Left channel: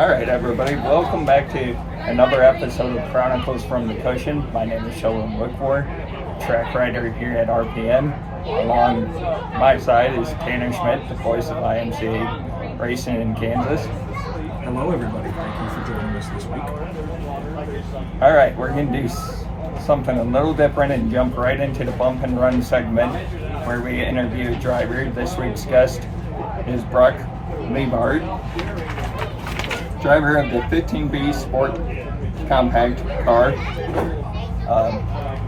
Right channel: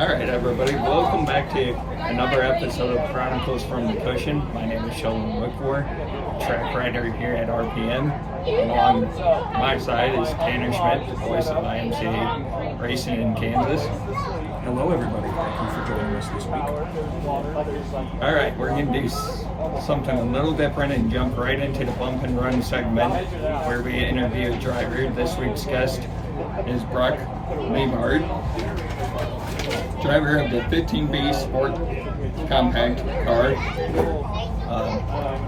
All right, everybody, welcome back to another episode of Chronicles from the Cushion. My name is Sheldon Wickwar, track rider here at RPM. Along my side is Tanner Schmidt, the voice of IMCA racing in Kansas. Hello, everybody. Thank you for joining us this week. All right, we're going to do something a little different and jump right into the bump and run segment where we interview a driver. This week's guest is Leibhart, driver of the 15B Sport Compact car.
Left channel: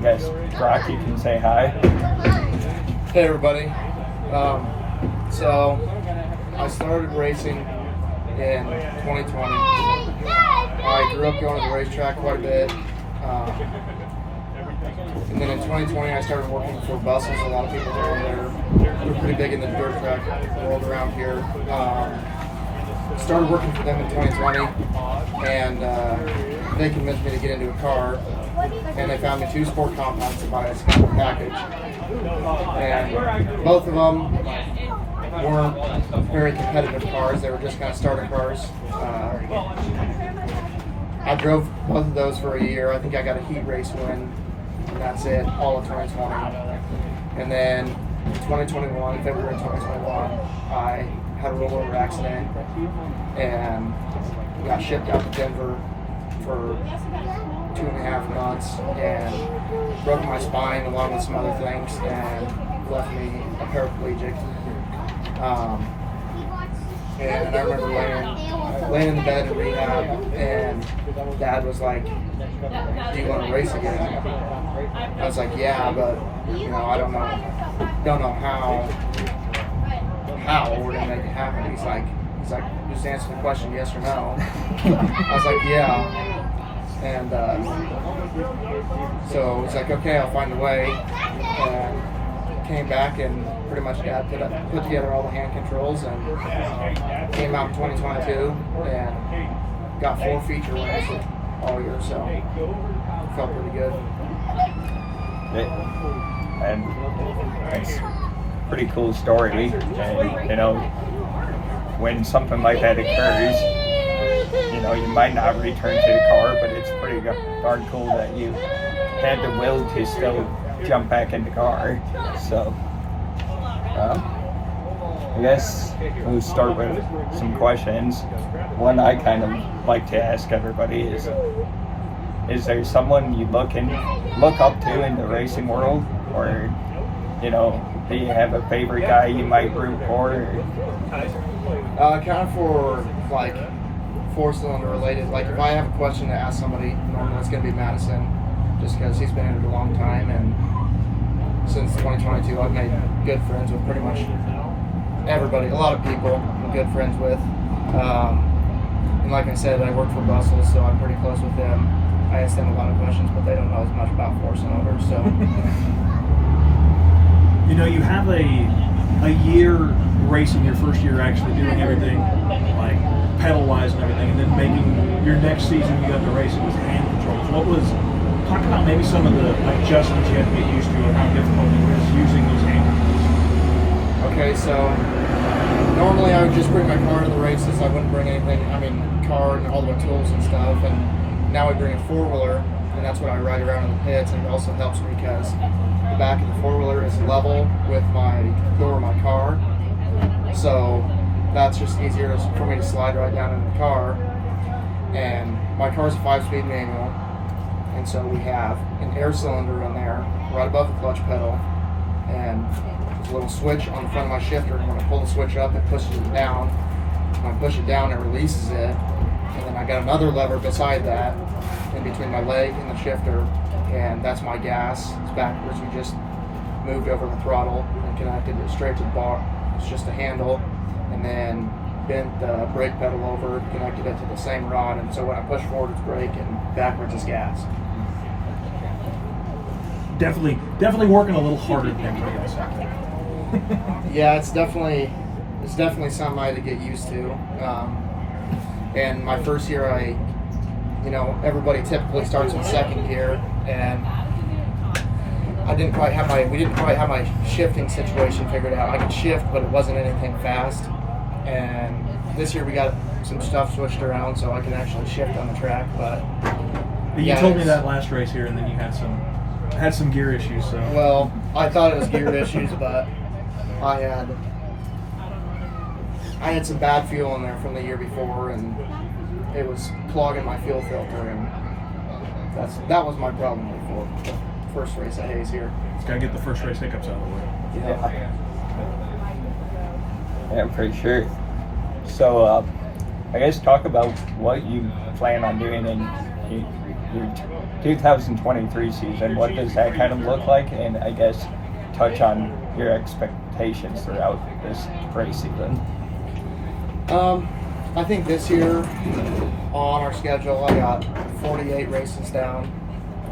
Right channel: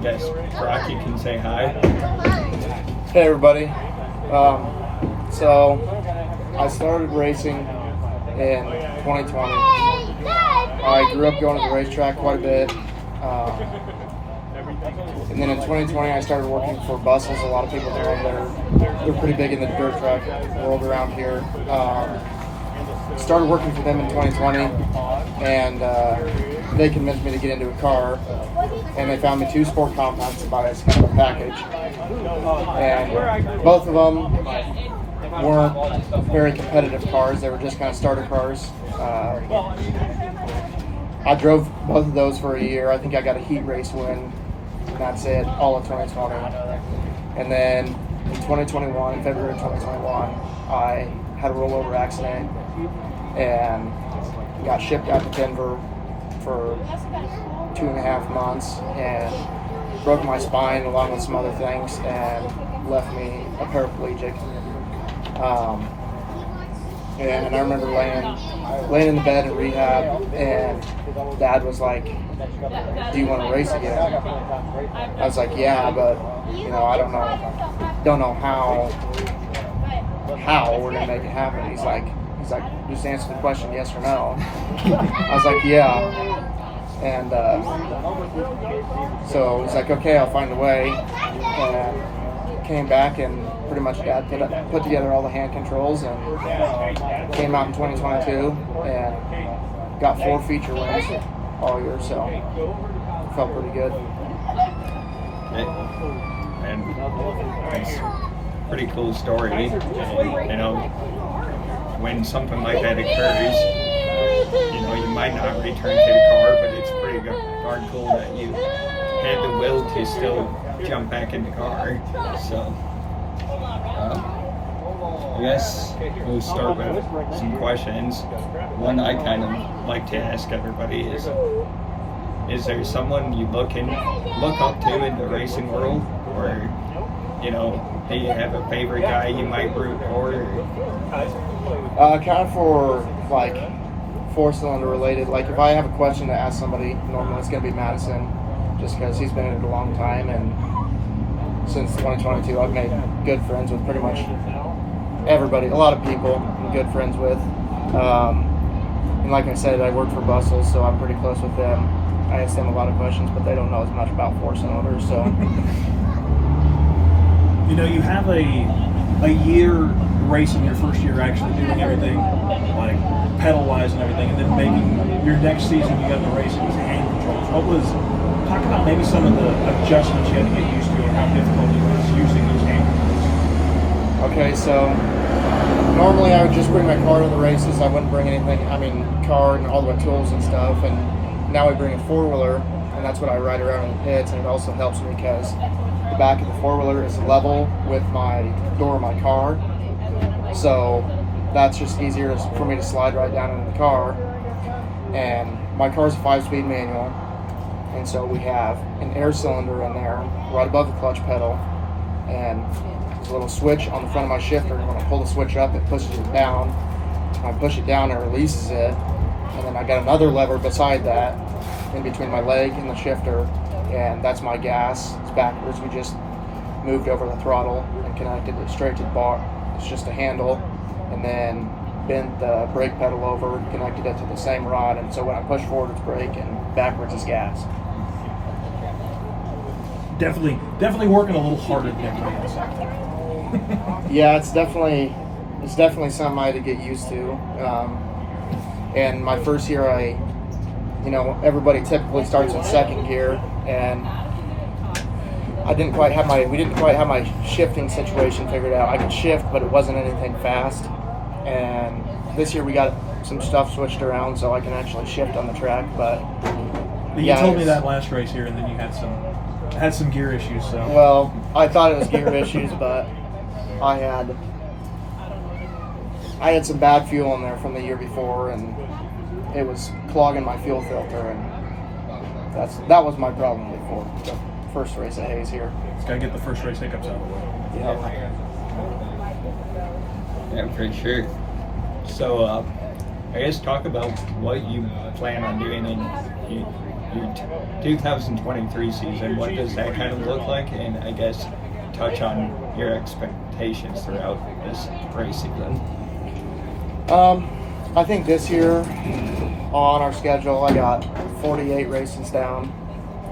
Yes, Brock, you can say hi. Hey everybody. So I started racing in 2020. I grew up going to the racetrack quite a bit. And then in 2020 I started working for buses. A lot of people they're pretty big in the dirt track world around here. Started working for them in 2020 and they convinced me to get into a car, and they found me 2 sport compacts to buy as kind of a package. And both of them weren't very competitive cars. They were just kind of starter cars. I drove both of those for a year. I think I got a heat race win, and that's it, all of 2020. And then in 2021, February 2021, I had a rollover accident and got shipped out to Denver for 2.5 months and broke my spine along with some other things and left me a paraplegic. And I remember laying in the bed in rehab, and Dad was like, "Do you want to race again?" I was like, "Yeah, but I don't know how we're gonna make it happen." He's like, "Just answer the question, yes or no." I was like, "Yeah," and so it's like, "Okay, I'll find a way." And came back and pretty much got put together all the hand controls and came out in 2022 and got 4 feature wins all year, so felt pretty good. And it's a pretty cool story. And when something like that occurs, you might not return to the car, but it's pretty darn cool that you had the will to still jump back in the car. So I guess we'll start with some questions. One I kind of like to ask everybody is there someone you look up to in the racing world, or do you have a favorite guy you might root for? Kind of for like 4-cylinder related. Like if I have a question to ask somebody, normally it's going to be Madison, just because he's been in it a long time, and since 2022 I've made good friends with pretty much everybody, a lot of people I'm good friends with. And like I said, I work for Bustle, so I'm pretty close with them. I ask them a lot of questions, but they don't know as much about 4-cylinders, so. You have a year racing, your first year actually doing everything, like pedal-wise and everything, and then making your next season you got to race it with hand controls. Talk about maybe some of the adjustments you had to get used to, or how difficult it was using those hand controls. Okay, so normally I would just bring my car to the races. I wouldn't bring anything, car and all the tools and stuff. And now I bring a 4-wheeler, and that's what I ride around in the pits. And it also helps me because the back of the 4-wheeler is level with my door of my car. So that's just easier for me to slide right down into the car. And my car's a 5-speed manual. And so we have an air cylinder in there right above the clutch pedal, and there's a little switch on the front of my shifter, and when I pull the switch up, it pushes it down. When I push it down, it releases it, and then I got another lever beside that in between my leg and the shifter, and that's my gas. It's backwards. We just moved over the throttle and connected it straight to the bar. It's just a handle, and then bent the brake pedal over and connected it to the same rod, and so when I push forward, it's brake, and backwards is gas. Definitely working a little harder than everybody else out there. Yeah, it's definitely something I had to get used to. And my first year, everybody typically starts in second gear, and we didn't quite have my shifting situation figured out. I could shift, but it wasn't anything fast. And this year we got some stuff switched around so I can actually shift on the track. But You yeah, told me that last race here, and then you had some gear issues. So well, I thought it was gear issues, but I had some bad fuel in there from the year before, and it was clogging my fuel filter, and that was my problem before the first race at Hayes here. just gotta get the first race hiccups out of the way. Yeah, for sure. So, I guess talk about what you plan on doing in your 2023 season. What does that kind of look like? And I guess touch on your expectations throughout this race season. I think this year on our schedule, I got 48 races down,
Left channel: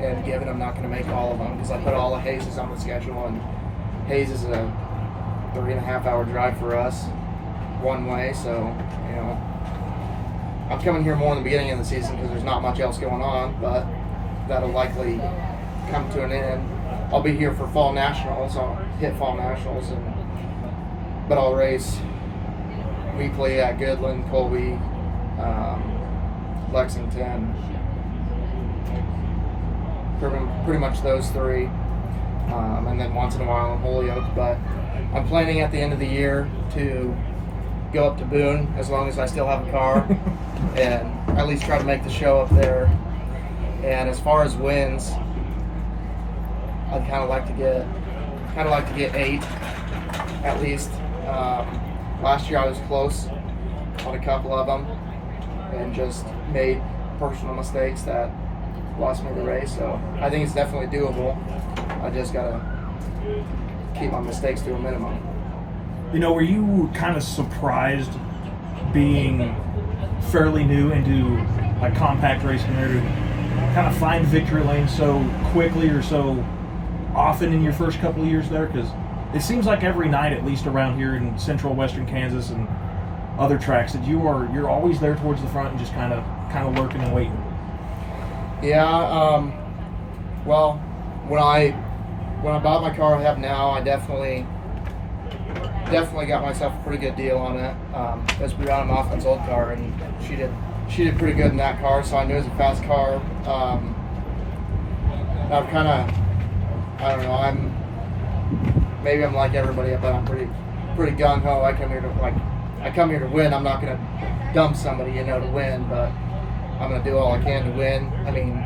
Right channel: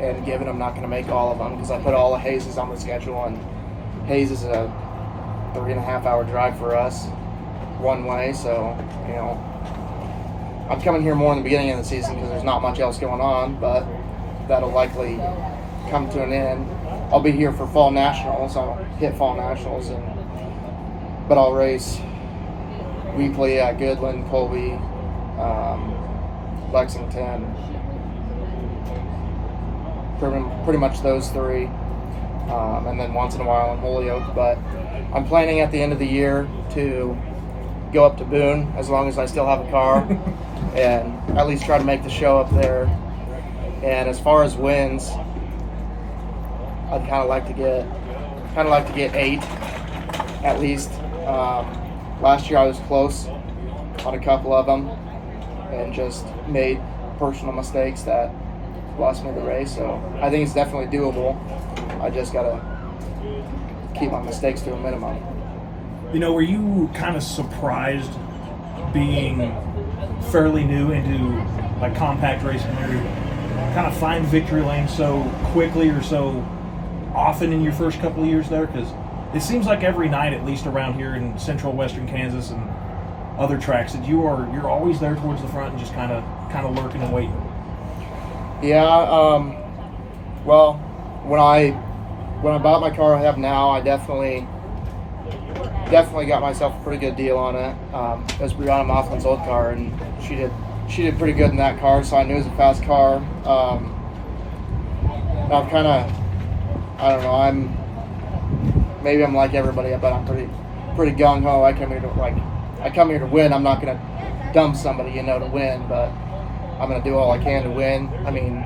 and given I'm not going to make all of them because I put all of Hayes on the schedule, and Hayes is a 3.5 hour drive for us one way, so I'm coming here more in the beginning of the season because there's not much else going on, but that'll likely come to an end. I'll be here for fall nationals. I'll hit fall nationals, but I'll race weekly at Goodland, Colby, Lexington, pretty much those three, and then once in a while in Holyoke. But I'm planning at the end of the year to go up to Boone as long as I still have a car and at least try to make the show up there. And as far as wins, I'd kind of like to get 8 at least. Last year I was close on a couple of them and just made personal mistakes that lost me the race. So I think it's definitely doable. I just gotta keep my mistakes to a minimum. Were you kind of surprised being fairly new into like compact racing there to kind of find victory lane so quickly or so often in your first couple of years there? Because it seems like every night, at least around here in central western Kansas and other tracks, that you're always there towards the front and just kind of lurking and waiting. Yeah. Well, when I bought my car I have now, I definitely got myself a pretty good deal on it. It was Brianna Mothman's old car, and she did pretty good in that car, so I knew it was a fast car. I've kind of, I don't know, maybe I'm like everybody, but I'm pretty gung ho. I come here to win. I'm not gonna dump somebody, to win, but I'm gonna do all I can to win. I mean,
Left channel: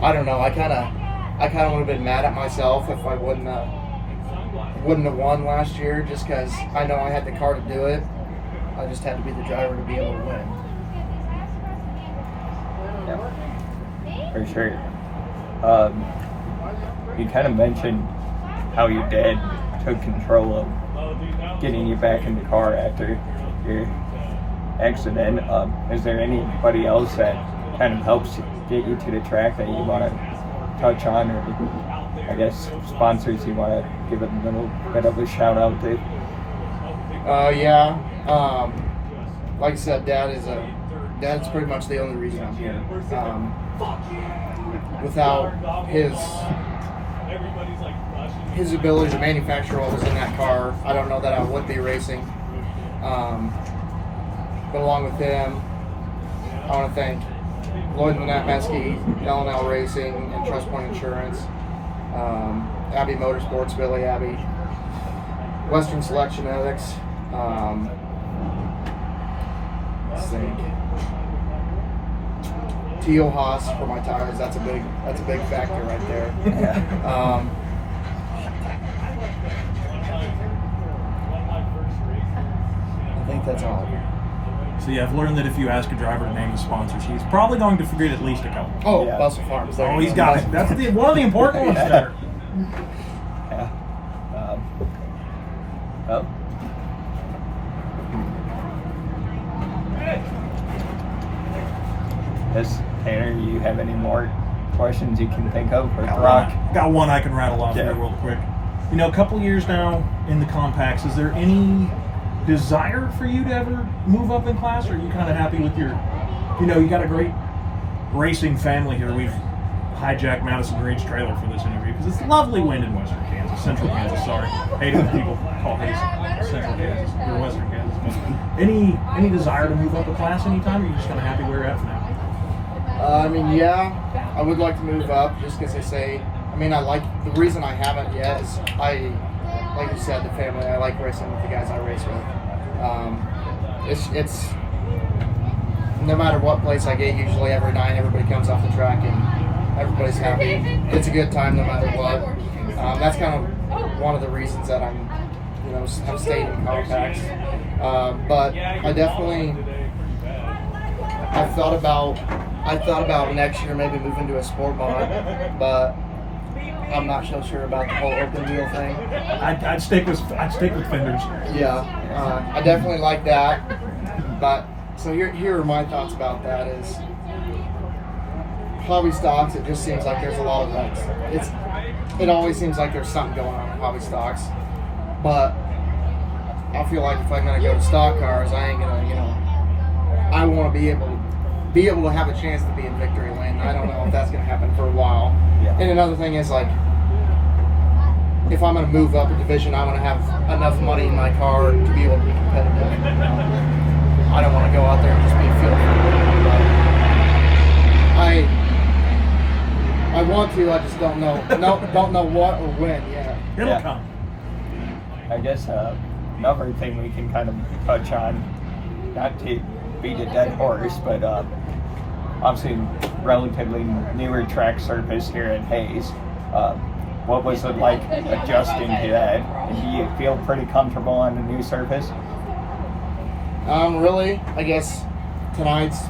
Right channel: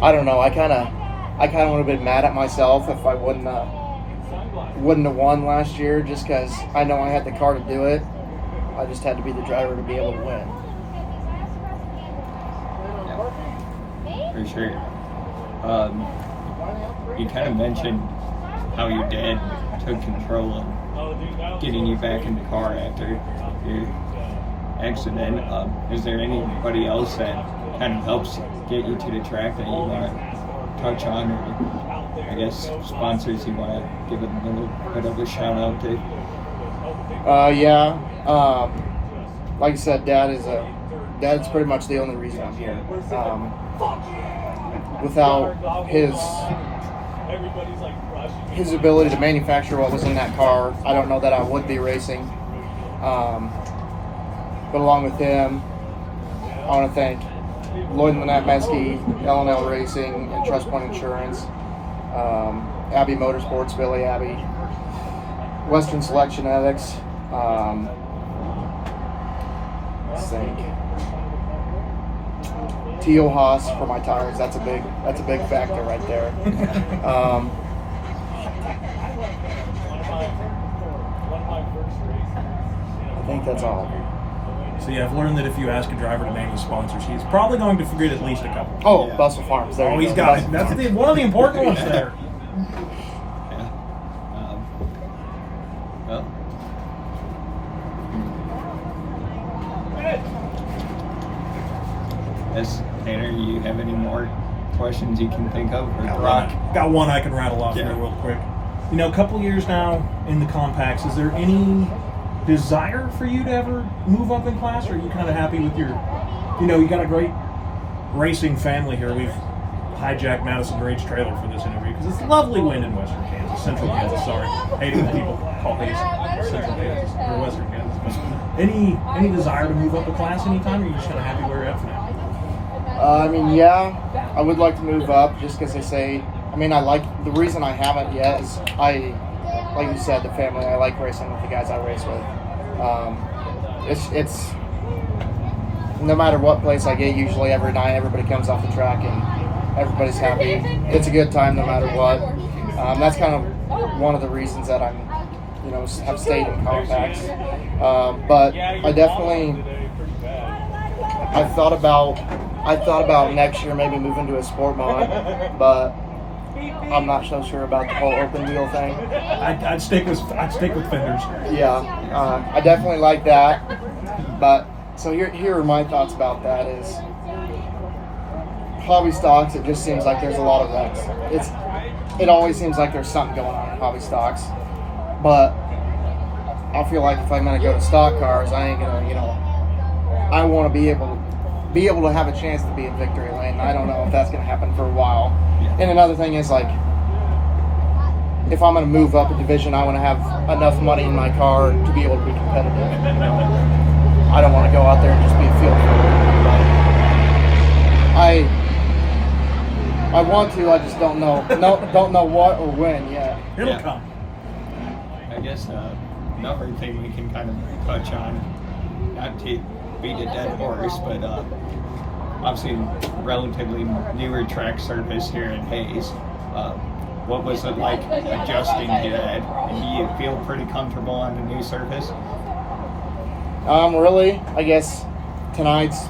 I don't know. I kind of would have been mad at myself if I wouldn't have won last year, just because I know I had the car to do it. I just had to be the driver to be able to win. Yeah, for sure. You kind of mentioned how your dad took control of getting you back in the car after your accident. Is there anybody else that kind of helps get you to the track that you want to touch on, or I guess sponsors you want to give a little bit of a shout out to? Yeah. Like I said, Dad's pretty much the only reason I'm here. Without his ability to manufacture what was in that car, I don't know that I would be racing. But along with him, I want to thank Lloyd and Lynette Meskey, L&L Racing, and Trust Point Insurance, Abbey Motorsports, Billy Abbey, Western Selection Ethics, let's think, Teal Haas for my tires. That's a big factor right there. I think that's all of them. So yeah, I've learned that if you ask a driver to name his sponsors, he's probably going to forget at least a couple. Oh, Yeah. Bustle Farms. Oh, he's got it. That's one of the important ones there. Yeah. Well. Yes, Tanner, you have any more questions you can think of? Or Brock? Got one I can rattle off Yeah. here real quick. A couple years now in the compacts, is there any desire for you to ever move up in class, or are you kind of happy with your, you got a great racing family here. We've hijacked Madison Ridge trailer for this interview because it's lovely wind in western Kansas, central Kansas, sorry. Hate it when people call Hayes Central Kansas or Western Kansas. Any desire to move up a class anytime, or are you just kind of happy where you're at for now? I mean, yeah, I would like to move up just because they say. I mean, the reason I haven't yet is like you said, the family. I like racing with the guys I race with. It's no matter what place I get, usually every night everybody comes off the track and everybody's happy. It's a good time no matter what. That's kind of one of the reasons that I'm, have stayed in compacts. But I thought about next year maybe moving to a sport mode, but I'm not so sure about the whole open wheel thing. I'd stick with fenders. Yeah, I definitely like that. But so here are my thoughts about that. Is hobby stocks? It just seems like there's a lot of wrecks. It always seems like there's something going on in hobby stocks. But I feel like if I'm gonna go to stock cars, I ain't gonna, I want to be able to have a chance to be in victory lane. I don't know if that's gonna happen for a while. Yeah. And another thing is, like, if I'm going to move up a division, I want to have enough money in my car to be able to be competitive. I don't want to go out there and just be a field killer. But I want to. I just don't know. Don't know what or when yet. It'll come. I guess another thing we can kind of touch on, not to beat a dead horse, but obviously relatively newer track surface here in Hayes. What was it like adjusting to that? And do you feel pretty comfortable on the new surface? Really, I guess tonight's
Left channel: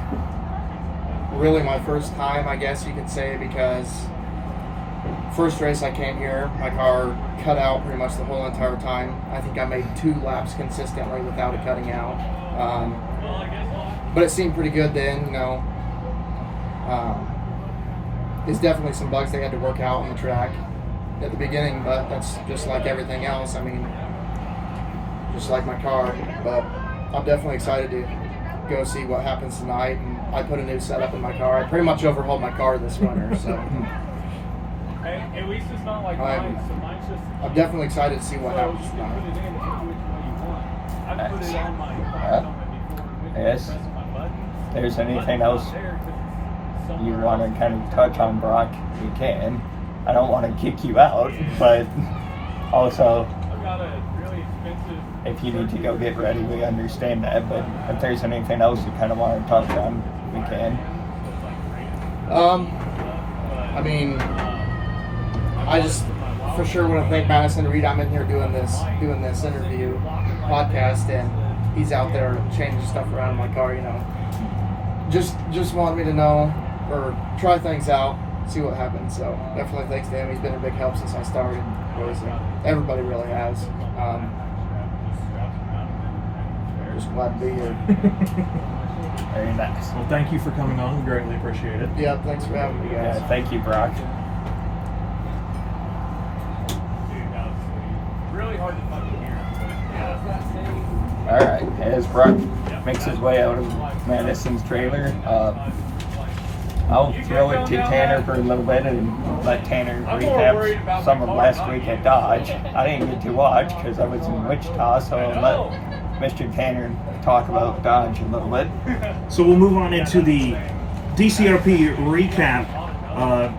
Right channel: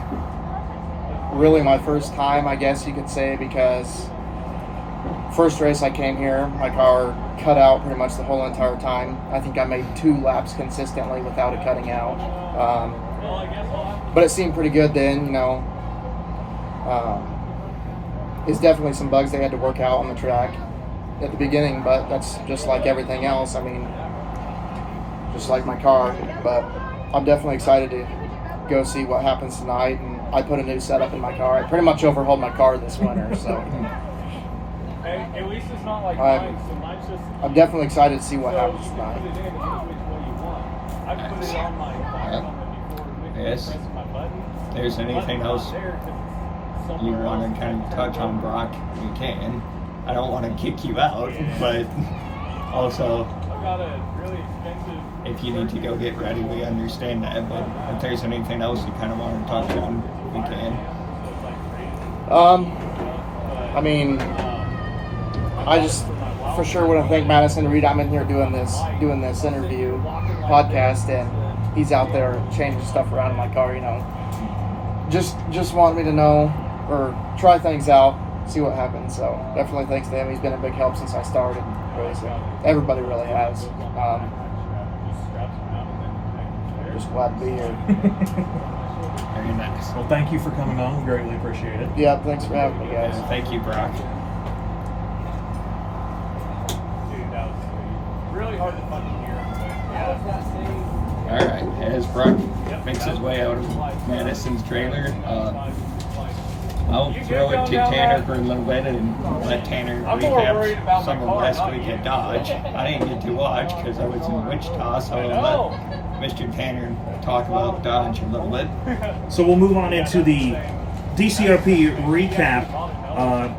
really my first time, I guess you could say, because first race I came here, my car cut out pretty much the whole entire time. I think I made 2 laps consistently without it cutting out. But it seemed pretty good then, It's definitely some bugs they had to work out on the track at the beginning, but that's just like everything else. I mean, just like my car. But I'm definitely excited to go see what happens tonight. And I put a new setup in my car. I pretty much overhauled my car this winter, so I'm definitely excited to see what happens tonight. Nice. I guess if there's anything else you want to kind of touch on, Brock, we can. I don't want to kick you out, but also if you need to go get ready, we understand that. But if there's anything else you kind of want to touch on, we can. I mean, I just for sure want to thank Madison Reed. I'm in here doing this interview podcast, and he's out there changing stuff around in my car. Just wanted me to know or try things out, see what happens. So definitely thanks to him. He's been a big help since I started racing. Everybody really has. Just glad to be here. Very nice. Well, thank you for coming on. We greatly appreciate it. Yeah, thanks for having me, guys. Yeah, thank you, Brock. All right, as Brock makes his way out of Madison's trailer, I'll throw it to Tanner for a little bit and let Tanner recap some of last week at Dodge. I didn't get to watch because I was in Wichita, so I'll let Mr. Tanner talk about Dodge a little bit. So we'll move on into the DCRP recap.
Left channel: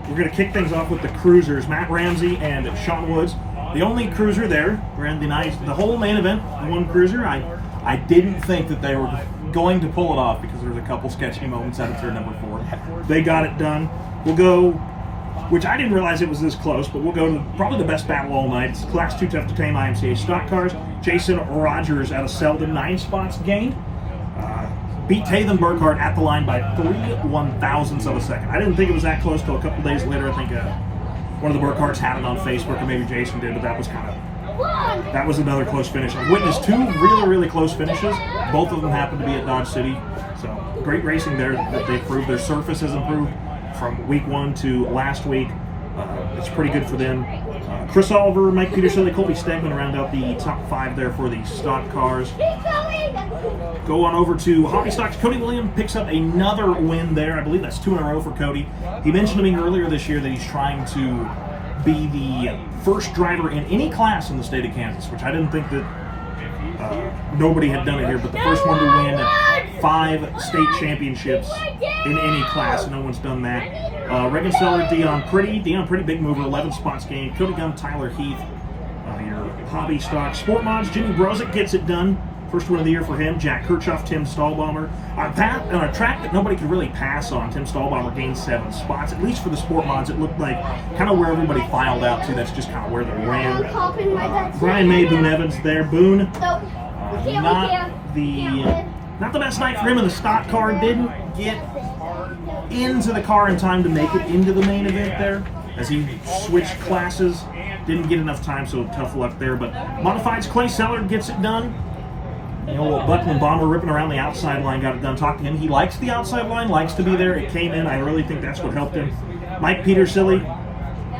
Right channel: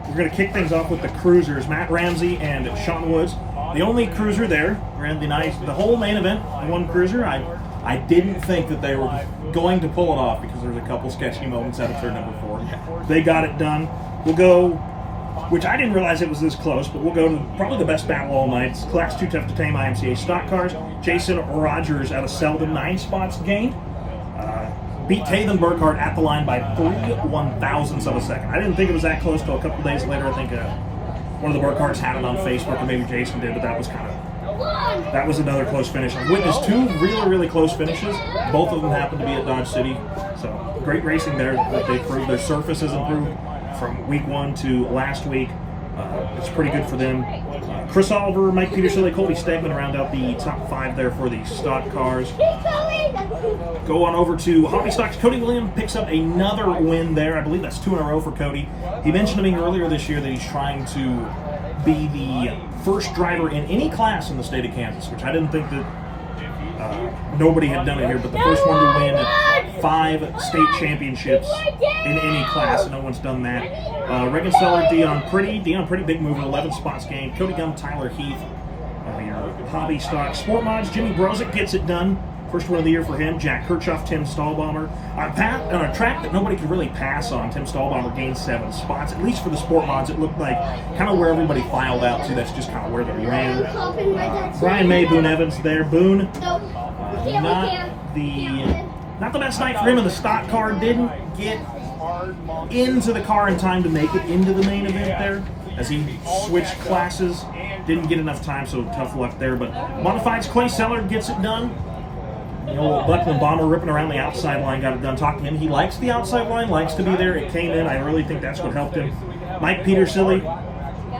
We're going to kick things off with the cruisers, Matt Ramsey and Sean Woods. The only cruiser there, ran the whole main event, one cruiser. I didn't think that they were going to pull it off because there was a couple sketchy moments out of turn number 4. They got it done. We'll go, which I didn't realize it was this close, but we'll go to probably the best battle all night. It's Class 2 Tough to Tame IMCA stock cars. Jason Rogers out of Sheldon, 9 spots gained. Beat Taven Burkhardt at the line by 3 1,000ths of a second. I didn't think it was that close till a couple days later. I think one of the Burkhardts had it on Facebook, or maybe Jason did, but that was another close finish. I've witnessed 2 really, really close finishes. Both of them happened to be at Dodge City. So great racing there that they proved. Their surface has improved from week 1 to last week. It's pretty good for them. Chris Oliver, Mike Petersilly, Colby Stegman round out the top 5 there for the stock cars. Go on over to Hobby Stocks. Cody Williams picks up another win there. I believe that's 2 in a row for Cody. He mentioned to me earlier this year that he's trying to be the first driver in any class in the state of Kansas, which I didn't think that nobody had done it here, but the first one to win 5 state championships in any class. No one's done that. Reagan Seller, Dion Pretty, big mover, 11 spots gained. Cody Gum, Tyler Heath, your hobby stock sport mods. Jimmy Brozick gets it done. First win of the year for him. Jack Kirchhoff, Tim Stahlbaumer. On a track that nobody could really pass on, Tim Stahlbaumer gained 7 spots. At least for the sport mods, it looked like kind of where everybody filed out to. That's just kind of where they ran. Brian May, Boone Evans there. Boone, not the best night for him in the stock car. Didn't get into the car in time to make it into the main event there, as he switched classes. Didn't get enough time, so tough luck there. But Modified's Clay Seller gets it done. The old Buckland Bomber ripping around the outside line got it done. Talk to him. He likes the outside line, likes to be there. It came in. I really think that's what helped him. Mike Petersilly,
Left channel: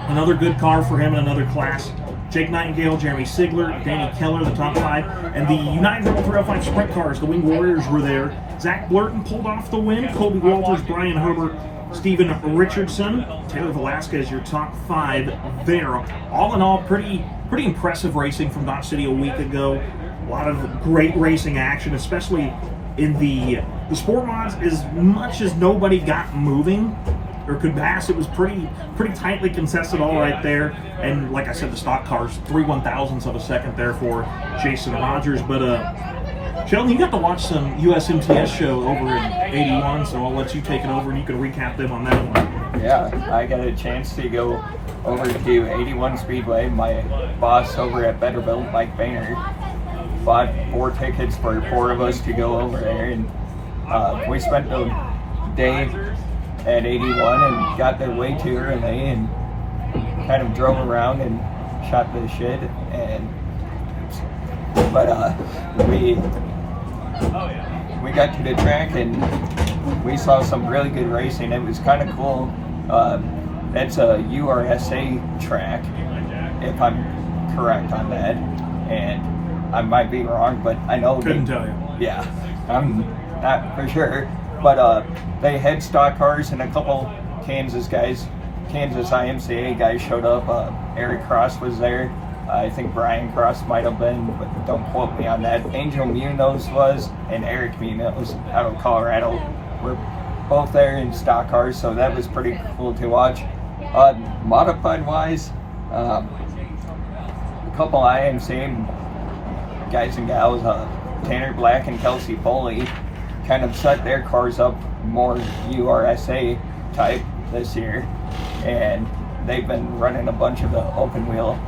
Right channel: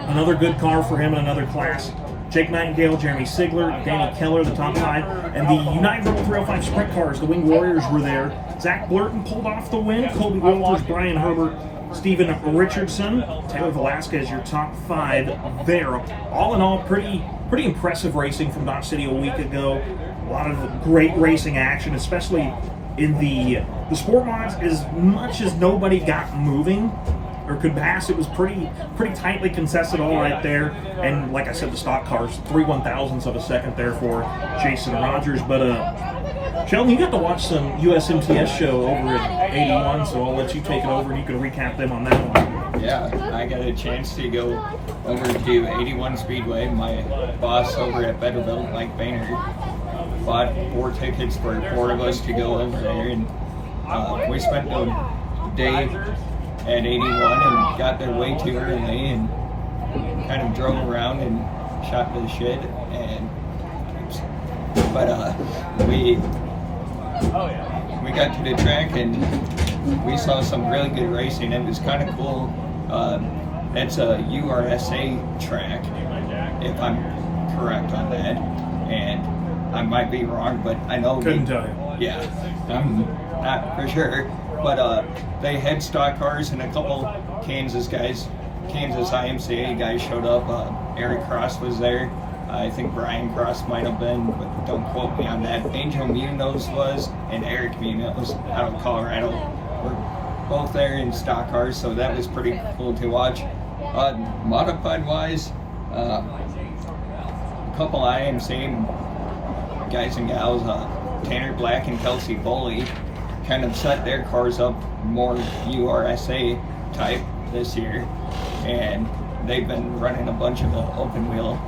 another good car for him in another class. Jake Nightingale, Jeremy Sigler, Danny Keller, the top 5. And the United Rebel 305 Sprint cars, the Wing Warriors were there. Zach Blurton pulled off the win. Colby Walters, Brian Herbert, Steven Richardson, Taylor Velasquez, your top 5 there. All in all, pretty impressive racing from Dodge City a week ago. A lot of great racing action, especially in the sport mods. As much as nobody got moving or could pass, it was pretty tightly contested all right there. And like I said, the stock cars, 3/1000ths of a second there for Jason Rogers. But Sheldon, you got to watch some USMTS show over in 81, so I'll let you take it over and you can recap them on that one. Yeah, I got a chance to go over to 81 Speedway. My boss over at Betterbilt, Mike Boehner, bought 4 tickets for 4 of us to go over there, and we spent the day at 81 and got there way too early and kind of drove around and shot the shit. And we got to the track and we saw some really good racing. It was kind of cool. That's a URSA track, if I'm correct on that, and I might be wrong, but I know couldn't tell you. Yeah, I'm not for sure. But they had stock cars and a couple Kansas IMCA guys showed up. Eric Cross was there. I think Brian Cross might have been, but don't quote me on that. Angel Munoz was, and Eric Munoz out of Colorado were both there in stock cars, so that was pretty cool to watch. Modified wise, a couple IMCA guys and gals, Tanner Black and Kelsey Foley, kind of set their cars up more URSA type this year, and they've been running a bunch of the open wheel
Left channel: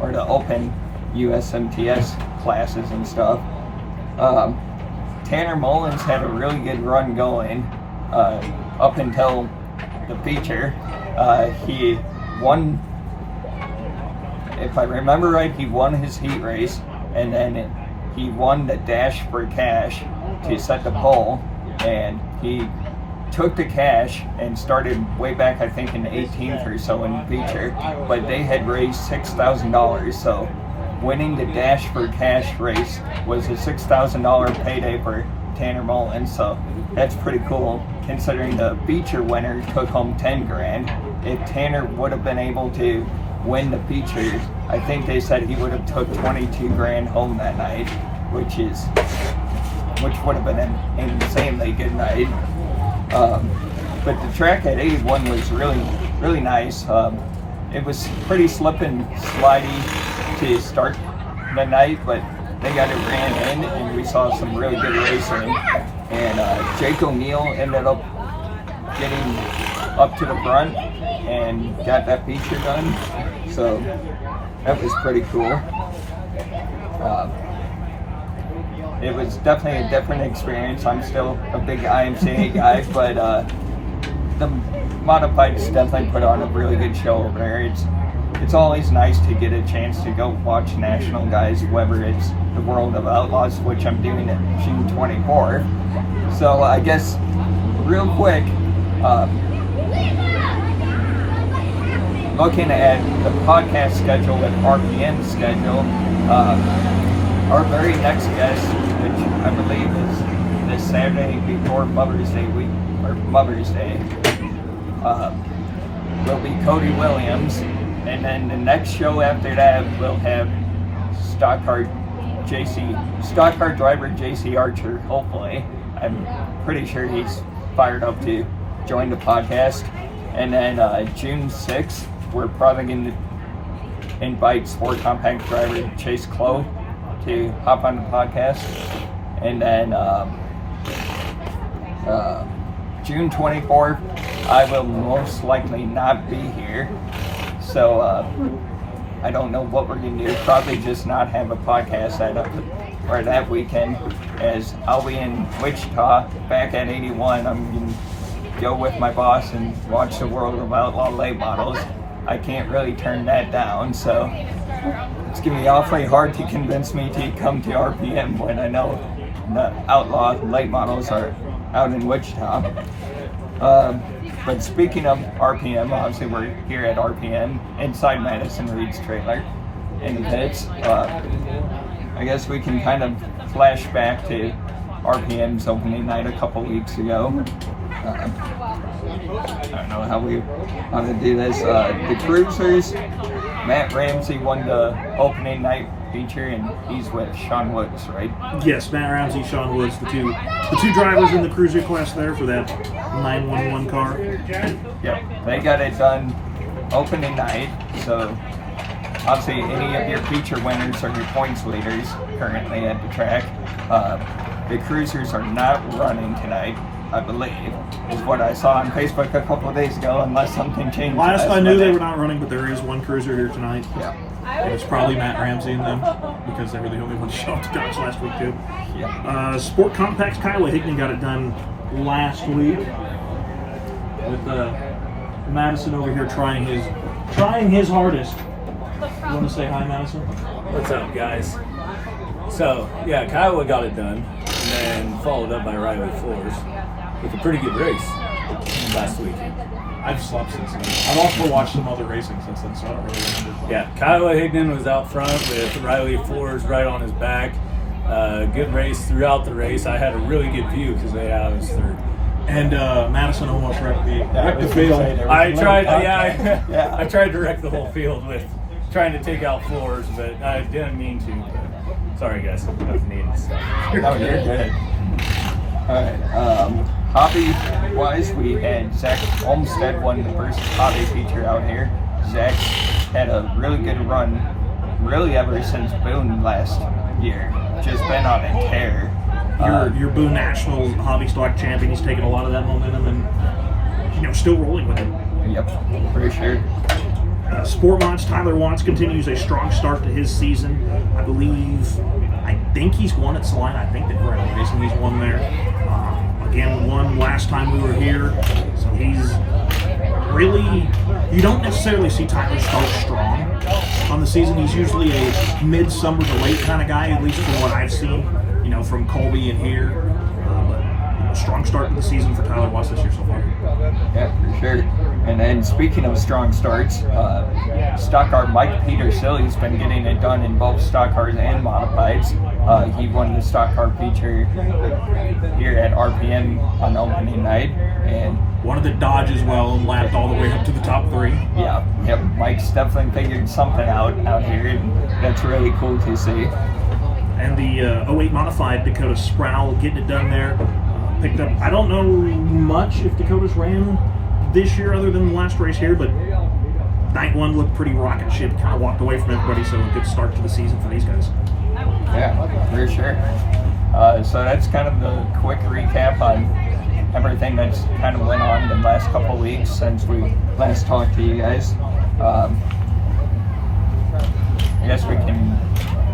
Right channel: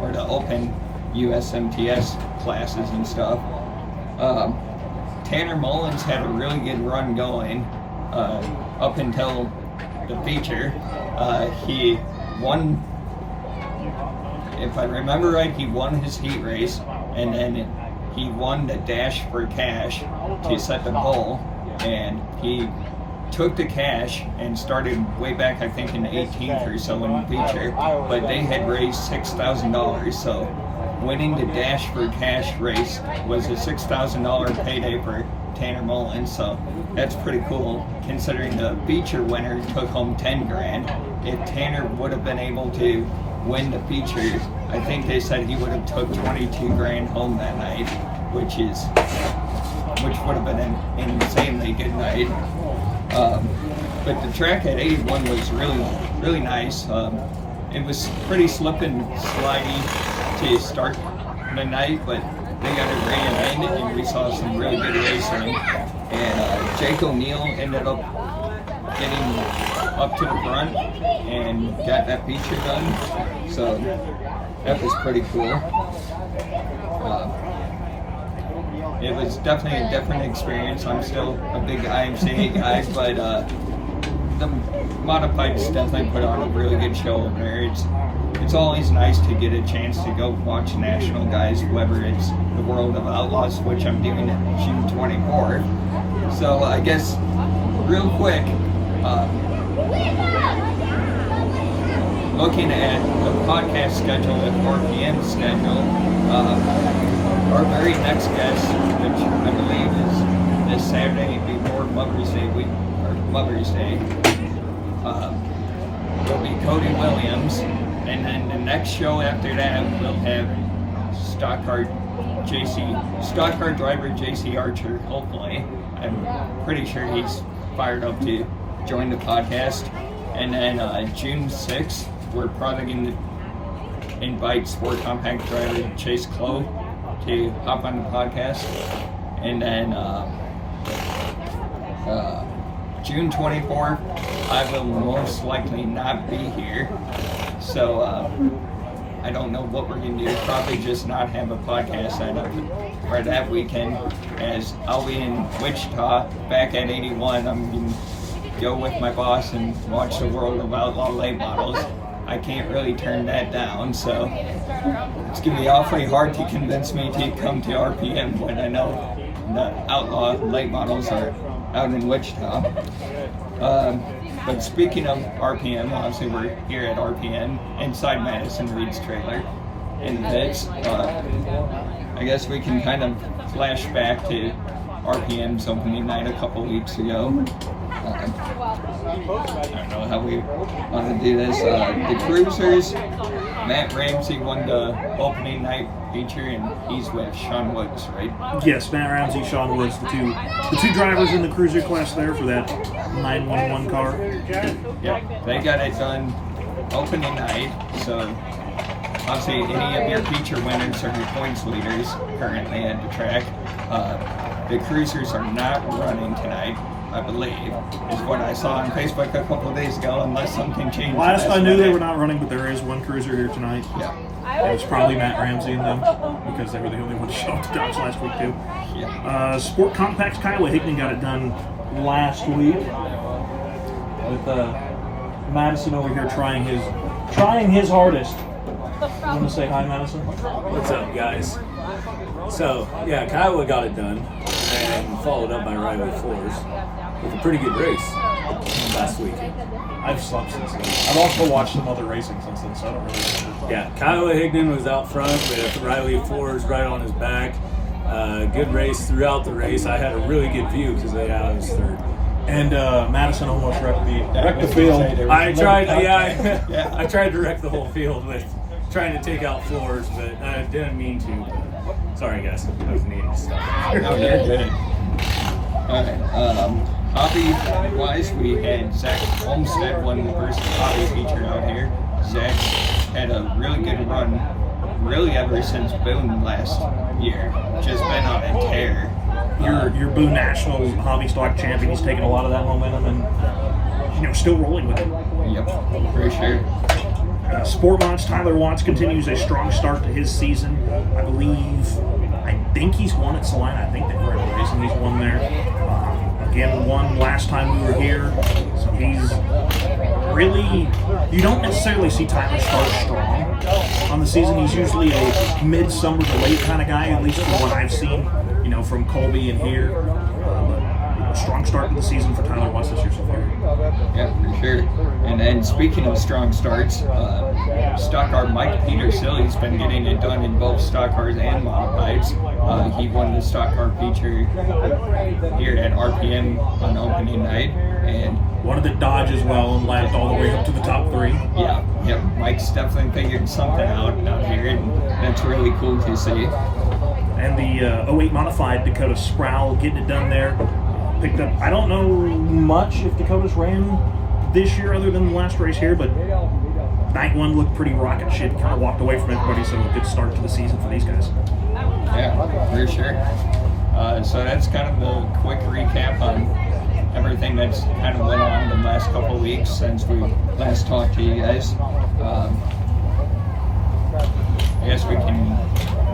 or the open USMTS classes and stuff. Tanner Mullins had a really good run going up until the feature. He won, if I remember right, he won his heat race, and then he won the dash for cash to set the pole, and he took the cash and started way back, I think in the 18th or so in the feature, but they had raised $6,000, so winning the dash for cash race was a $6,000 payday for Tanner Mullins, so that's pretty cool considering the feature winner took home 10 grand. If Tanner would have been able to win the feature, I think they said he would have took 22 grand home that night, which would have been an insanely good night. But the track at 81 was really nice. It was pretty slip and slidey to start the night, but they got it ran in and we saw some really good racing. And Jake O'Neill ended up getting up to the front and got that feature done. So that was pretty cool. It was definitely a different experience. I'm still a big IMCA guy, but the Modifieds definitely put on a really good show over there. It's always nice to get a chance to go watch national guys, whether it's the World of Outlaws, which I'm doing at June 24. So I guess real quick, looking at the podcast schedule and RPM schedule, our very next guest, which I believe is this Saturday before Mother's Day week, or Mother's Day, will be Cody Williams, and then the next show after that we'll have stock car driver JC Archer. Hopefully, I'm pretty sure he's fired up to join the podcast. And then June 6th, we're probably going to invite Sport Compact driver Chase Clow to hop on the podcast. And then June 24th, I will most likely not be here. So I don't know what we're going to do. Probably just not have a podcast that weekend, as I'll be in Wichita back at 81. I'm going to go with my boss and watch the World of Outlaw late models. I can't really turn that down, so it's going to be awfully hard to convince me to come to RPM when I know the Outlaw late models are out in Wichita. But speaking of RPM, obviously we're here at RPM inside Madison Reed's trailer in the pits. I guess we can kind of flash back to RPM's opening night a couple weeks ago. I don't know how we want to do this. The Cruisers, Matt Ramsey won the opening night feature, and he's with Sean Woods, right? Yes, Matt Ramsey, Sean Woods, the two drivers in the Cruiser class there for that 911 car. Yep, they got it done opening night. So obviously, any of your feature winners are your points leaders currently at the track. The Cruisers are not running tonight, I believe, is what I saw on Facebook a couple of days ago, unless something changed. Last I knew they were not running, but there is one Cruiser here tonight. Yeah. And it's probably Matt Ramsey and them, because they were the only one to show up to Dodge last week too. Yeah. Sport Compact's Kyle Hickman got it done last week with Madison over here trying his hardest. You want to say hi, Madison? What's up, guys? So, yeah, Kiowa got it done, and then followed up by Riley Force with a pretty good race last weekend. I've slept since then. I've also watched some other racing since then, so I don't really remember. Yeah, Kiowa Higdon was out front with Riley Force right on his back. Good race throughout the race. I had a really good view because I was third. And Madison almost wrecked the field. I tried to wreck the whole field with trying to take out floors, but I didn't mean to. But sorry, guys. I was needing stuff. No, you're good. All right. Hobby-wise, we had Zach Olmstead won the first hobby feature out here. Zach had a really good run, really ever since Boone last year. Just been on a tear. Your Boone National hobby stock champion. He's taking a lot of that momentum and still rolling with it. Yep, for sure. Sportmont's Tyler Watts continues a strong start to his season. I think he's won at Salina. I think that we're in a race and he's won there. Again, won last time we were here. So he's really, you don't necessarily see Tyler start strong on the season. He's usually a mid-summer to late kind of guy, at least from what I've seen, from Colby and here. But strong start to the season for Tyler Watts this year so far. Yeah, for sure. And then speaking of strong starts, stock car Mike Petersilly's been getting it done in both stock cars and modifieds. He won the stock car feature here at RPM on opening night, and wanted the Dodge as well and lapped all the way up to the top 3. Yeah, yep. Mike's definitely figured something out here, and that's really cool to see. And the 08 modified Dakota Sproul getting it done there. Picked up, I don't know much if Dakota's ran this year other than the last race here, but night one looked pretty rocket ship, kind of walked away from everybody, so a good start to the season for these guys. Yeah, for sure. So that's kind of the quick recap on everything that's kind of went on the last couple of weeks since we last talked to you guys. I guess we can,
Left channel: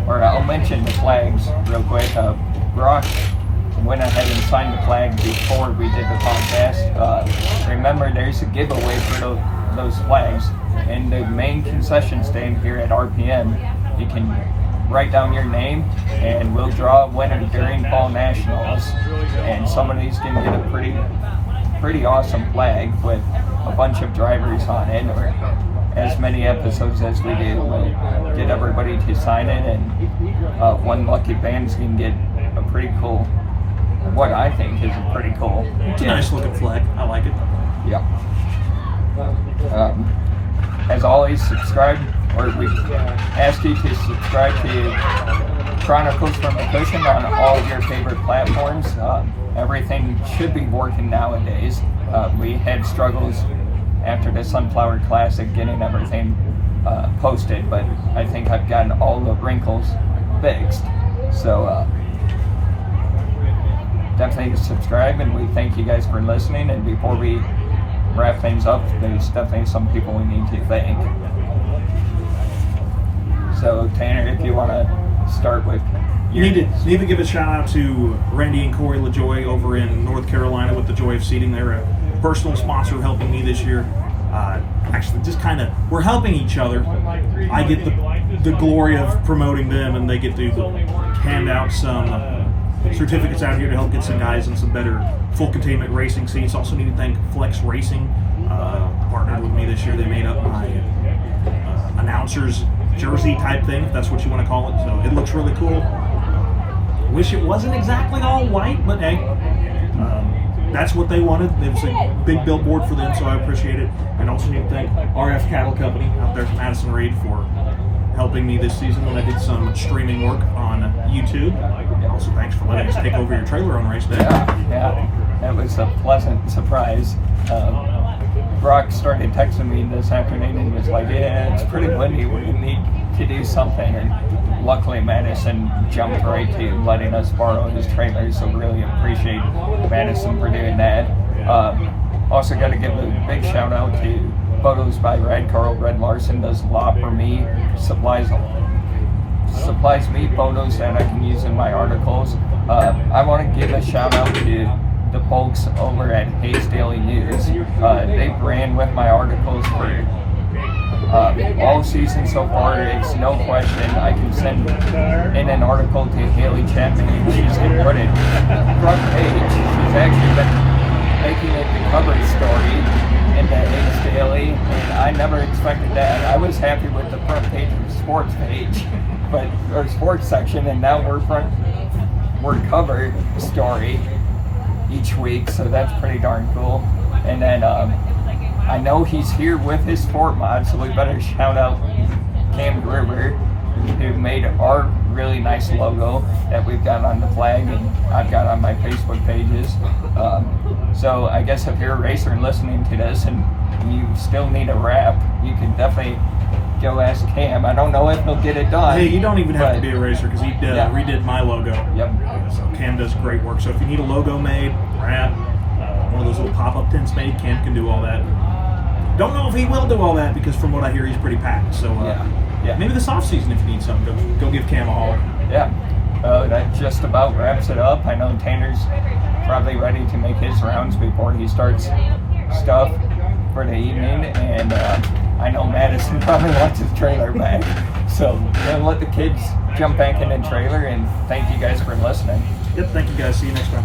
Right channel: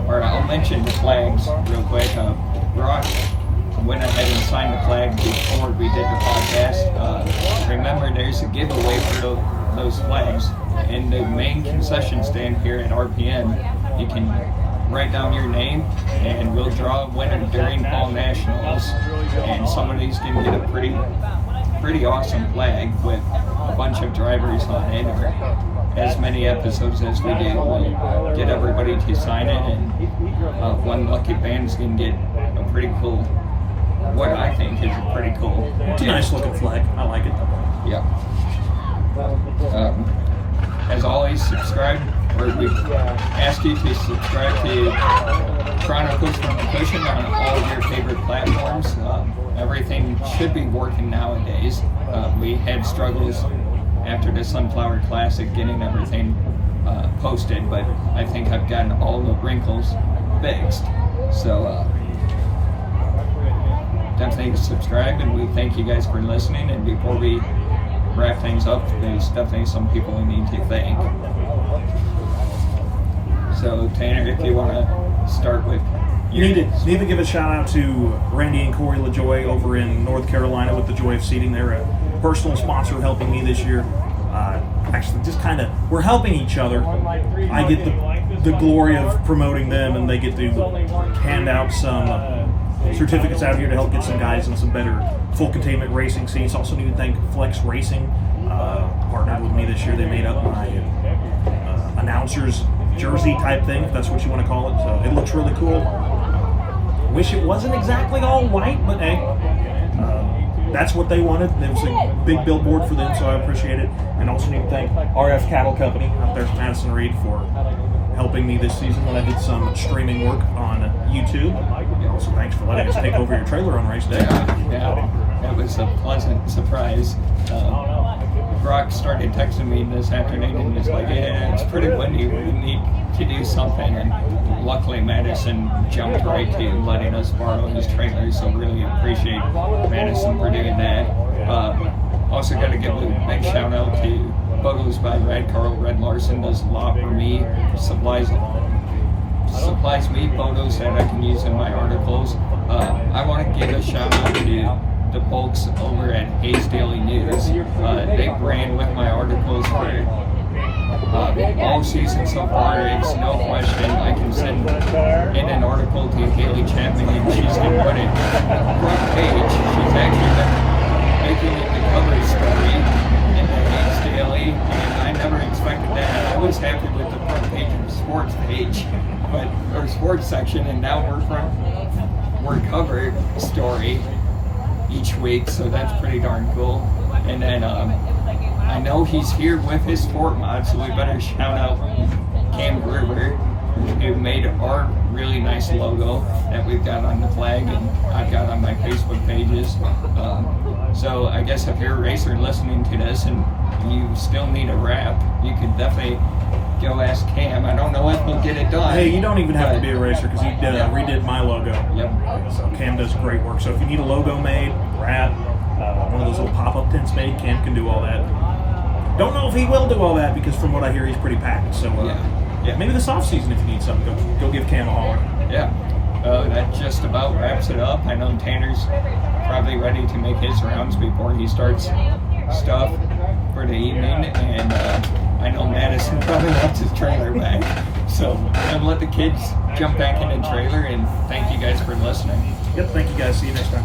or I'll mention the flags real quick. Brock went ahead and signed the flag before we did the podcast. Remember, there's a giveaway for those flags in the main concession stand here at RPM. You can write down your name, and we'll draw a winner during Fall Nationals. And somebody's going to get a pretty awesome flag with a bunch of drivers on it, or as many episodes as we do. We'll get everybody to sign it, and one lucky fan's going to get a pretty cool, what I think is a pretty cool. It's a nice looking flag. I like it. Yep. As always, subscribe, or we ask you to subscribe to Chronicles from the Cushion on all of your favorite platforms. Everything should be working nowadays. We had struggles after the Sunflower Classic getting everything posted, but I think I've gotten all the wrinkles fixed. So definitely subscribe, and we thank you guys for listening. And before we wrap things up, there's definitely some people we need to thank. So Tanner, if you want to start with You need to give a shout out to Randy and Corey LaJoy over in North Carolina with the Joy of Seating. They're a personal sponsor helping me this year. Actually, just kind of, we're helping each other. I get the glory of promoting them, and they get to hand out some certificates out here to help get some guys in some better full containment racing seats. Also need to thank Flex Racing, partnered with me this year. They made up my announcer's jersey type thing, if that's what you want to call it. So it looks really cool. Wish it wasn't exactly all white, but hey, that's what they wanted. There was a big billboard for them, so I appreciate it. And also need to thank RF Cattle Company out there from Madison Reed for helping me this season when I did some streaming work on YouTube. And also thanks for letting us take over your trailer on race day. Yeah, that was a pleasant surprise. Brock started texting me this afternoon and was like, yeah, it's pretty windy, we're going to need to do something. And luckily Madison jumped right to letting us borrow his trailer, so really appreciate Madison for doing that. Also got to give a big shout out to Photos by Red. Carl Red Larson does a lot for me, supplies me photos that I can use in my articles. I want to give a shout out to the folks over at Hayes Daily News. They've ran with my articles for all season so far. It's no question I can send in an article to Haley Chapman and she's going to put it front page. She's actually been making it the cover story in the Hayes Daily, and I never expected that. I was happy with the front page of the sports page, or sports section, and now we're cover story each week, so that's pretty darn cool. And then I know he's here with his sport mod, so we better shout out Cam Gruber, who made our really nice logo that we've got on the flag and I've got on my Facebook pages. So I guess if you're a racer listening to this and you still need a wrap, you can definitely go ask Cam. I don't know if he'll get it done. Hey, you don't even have to be a racer because he redid my logo. Yep. So Cam does great work. So if you need a logo made, wrap, one of those little pop-up tents made, Cam can do all that. Don't know if he will do all that because from what I hear, he's pretty packed. So yeah. Maybe this off-season if you need something, go give Cam a holler. Yeah. That just about wraps it up. I know Tanner's probably ready to make his rounds before he starts stuff for the evening, and I know Madison probably wants his trailer back. So I'm going to let the kids jump back in the trailer, and thank you guys for listening. Yep, thank you guys. See you next time.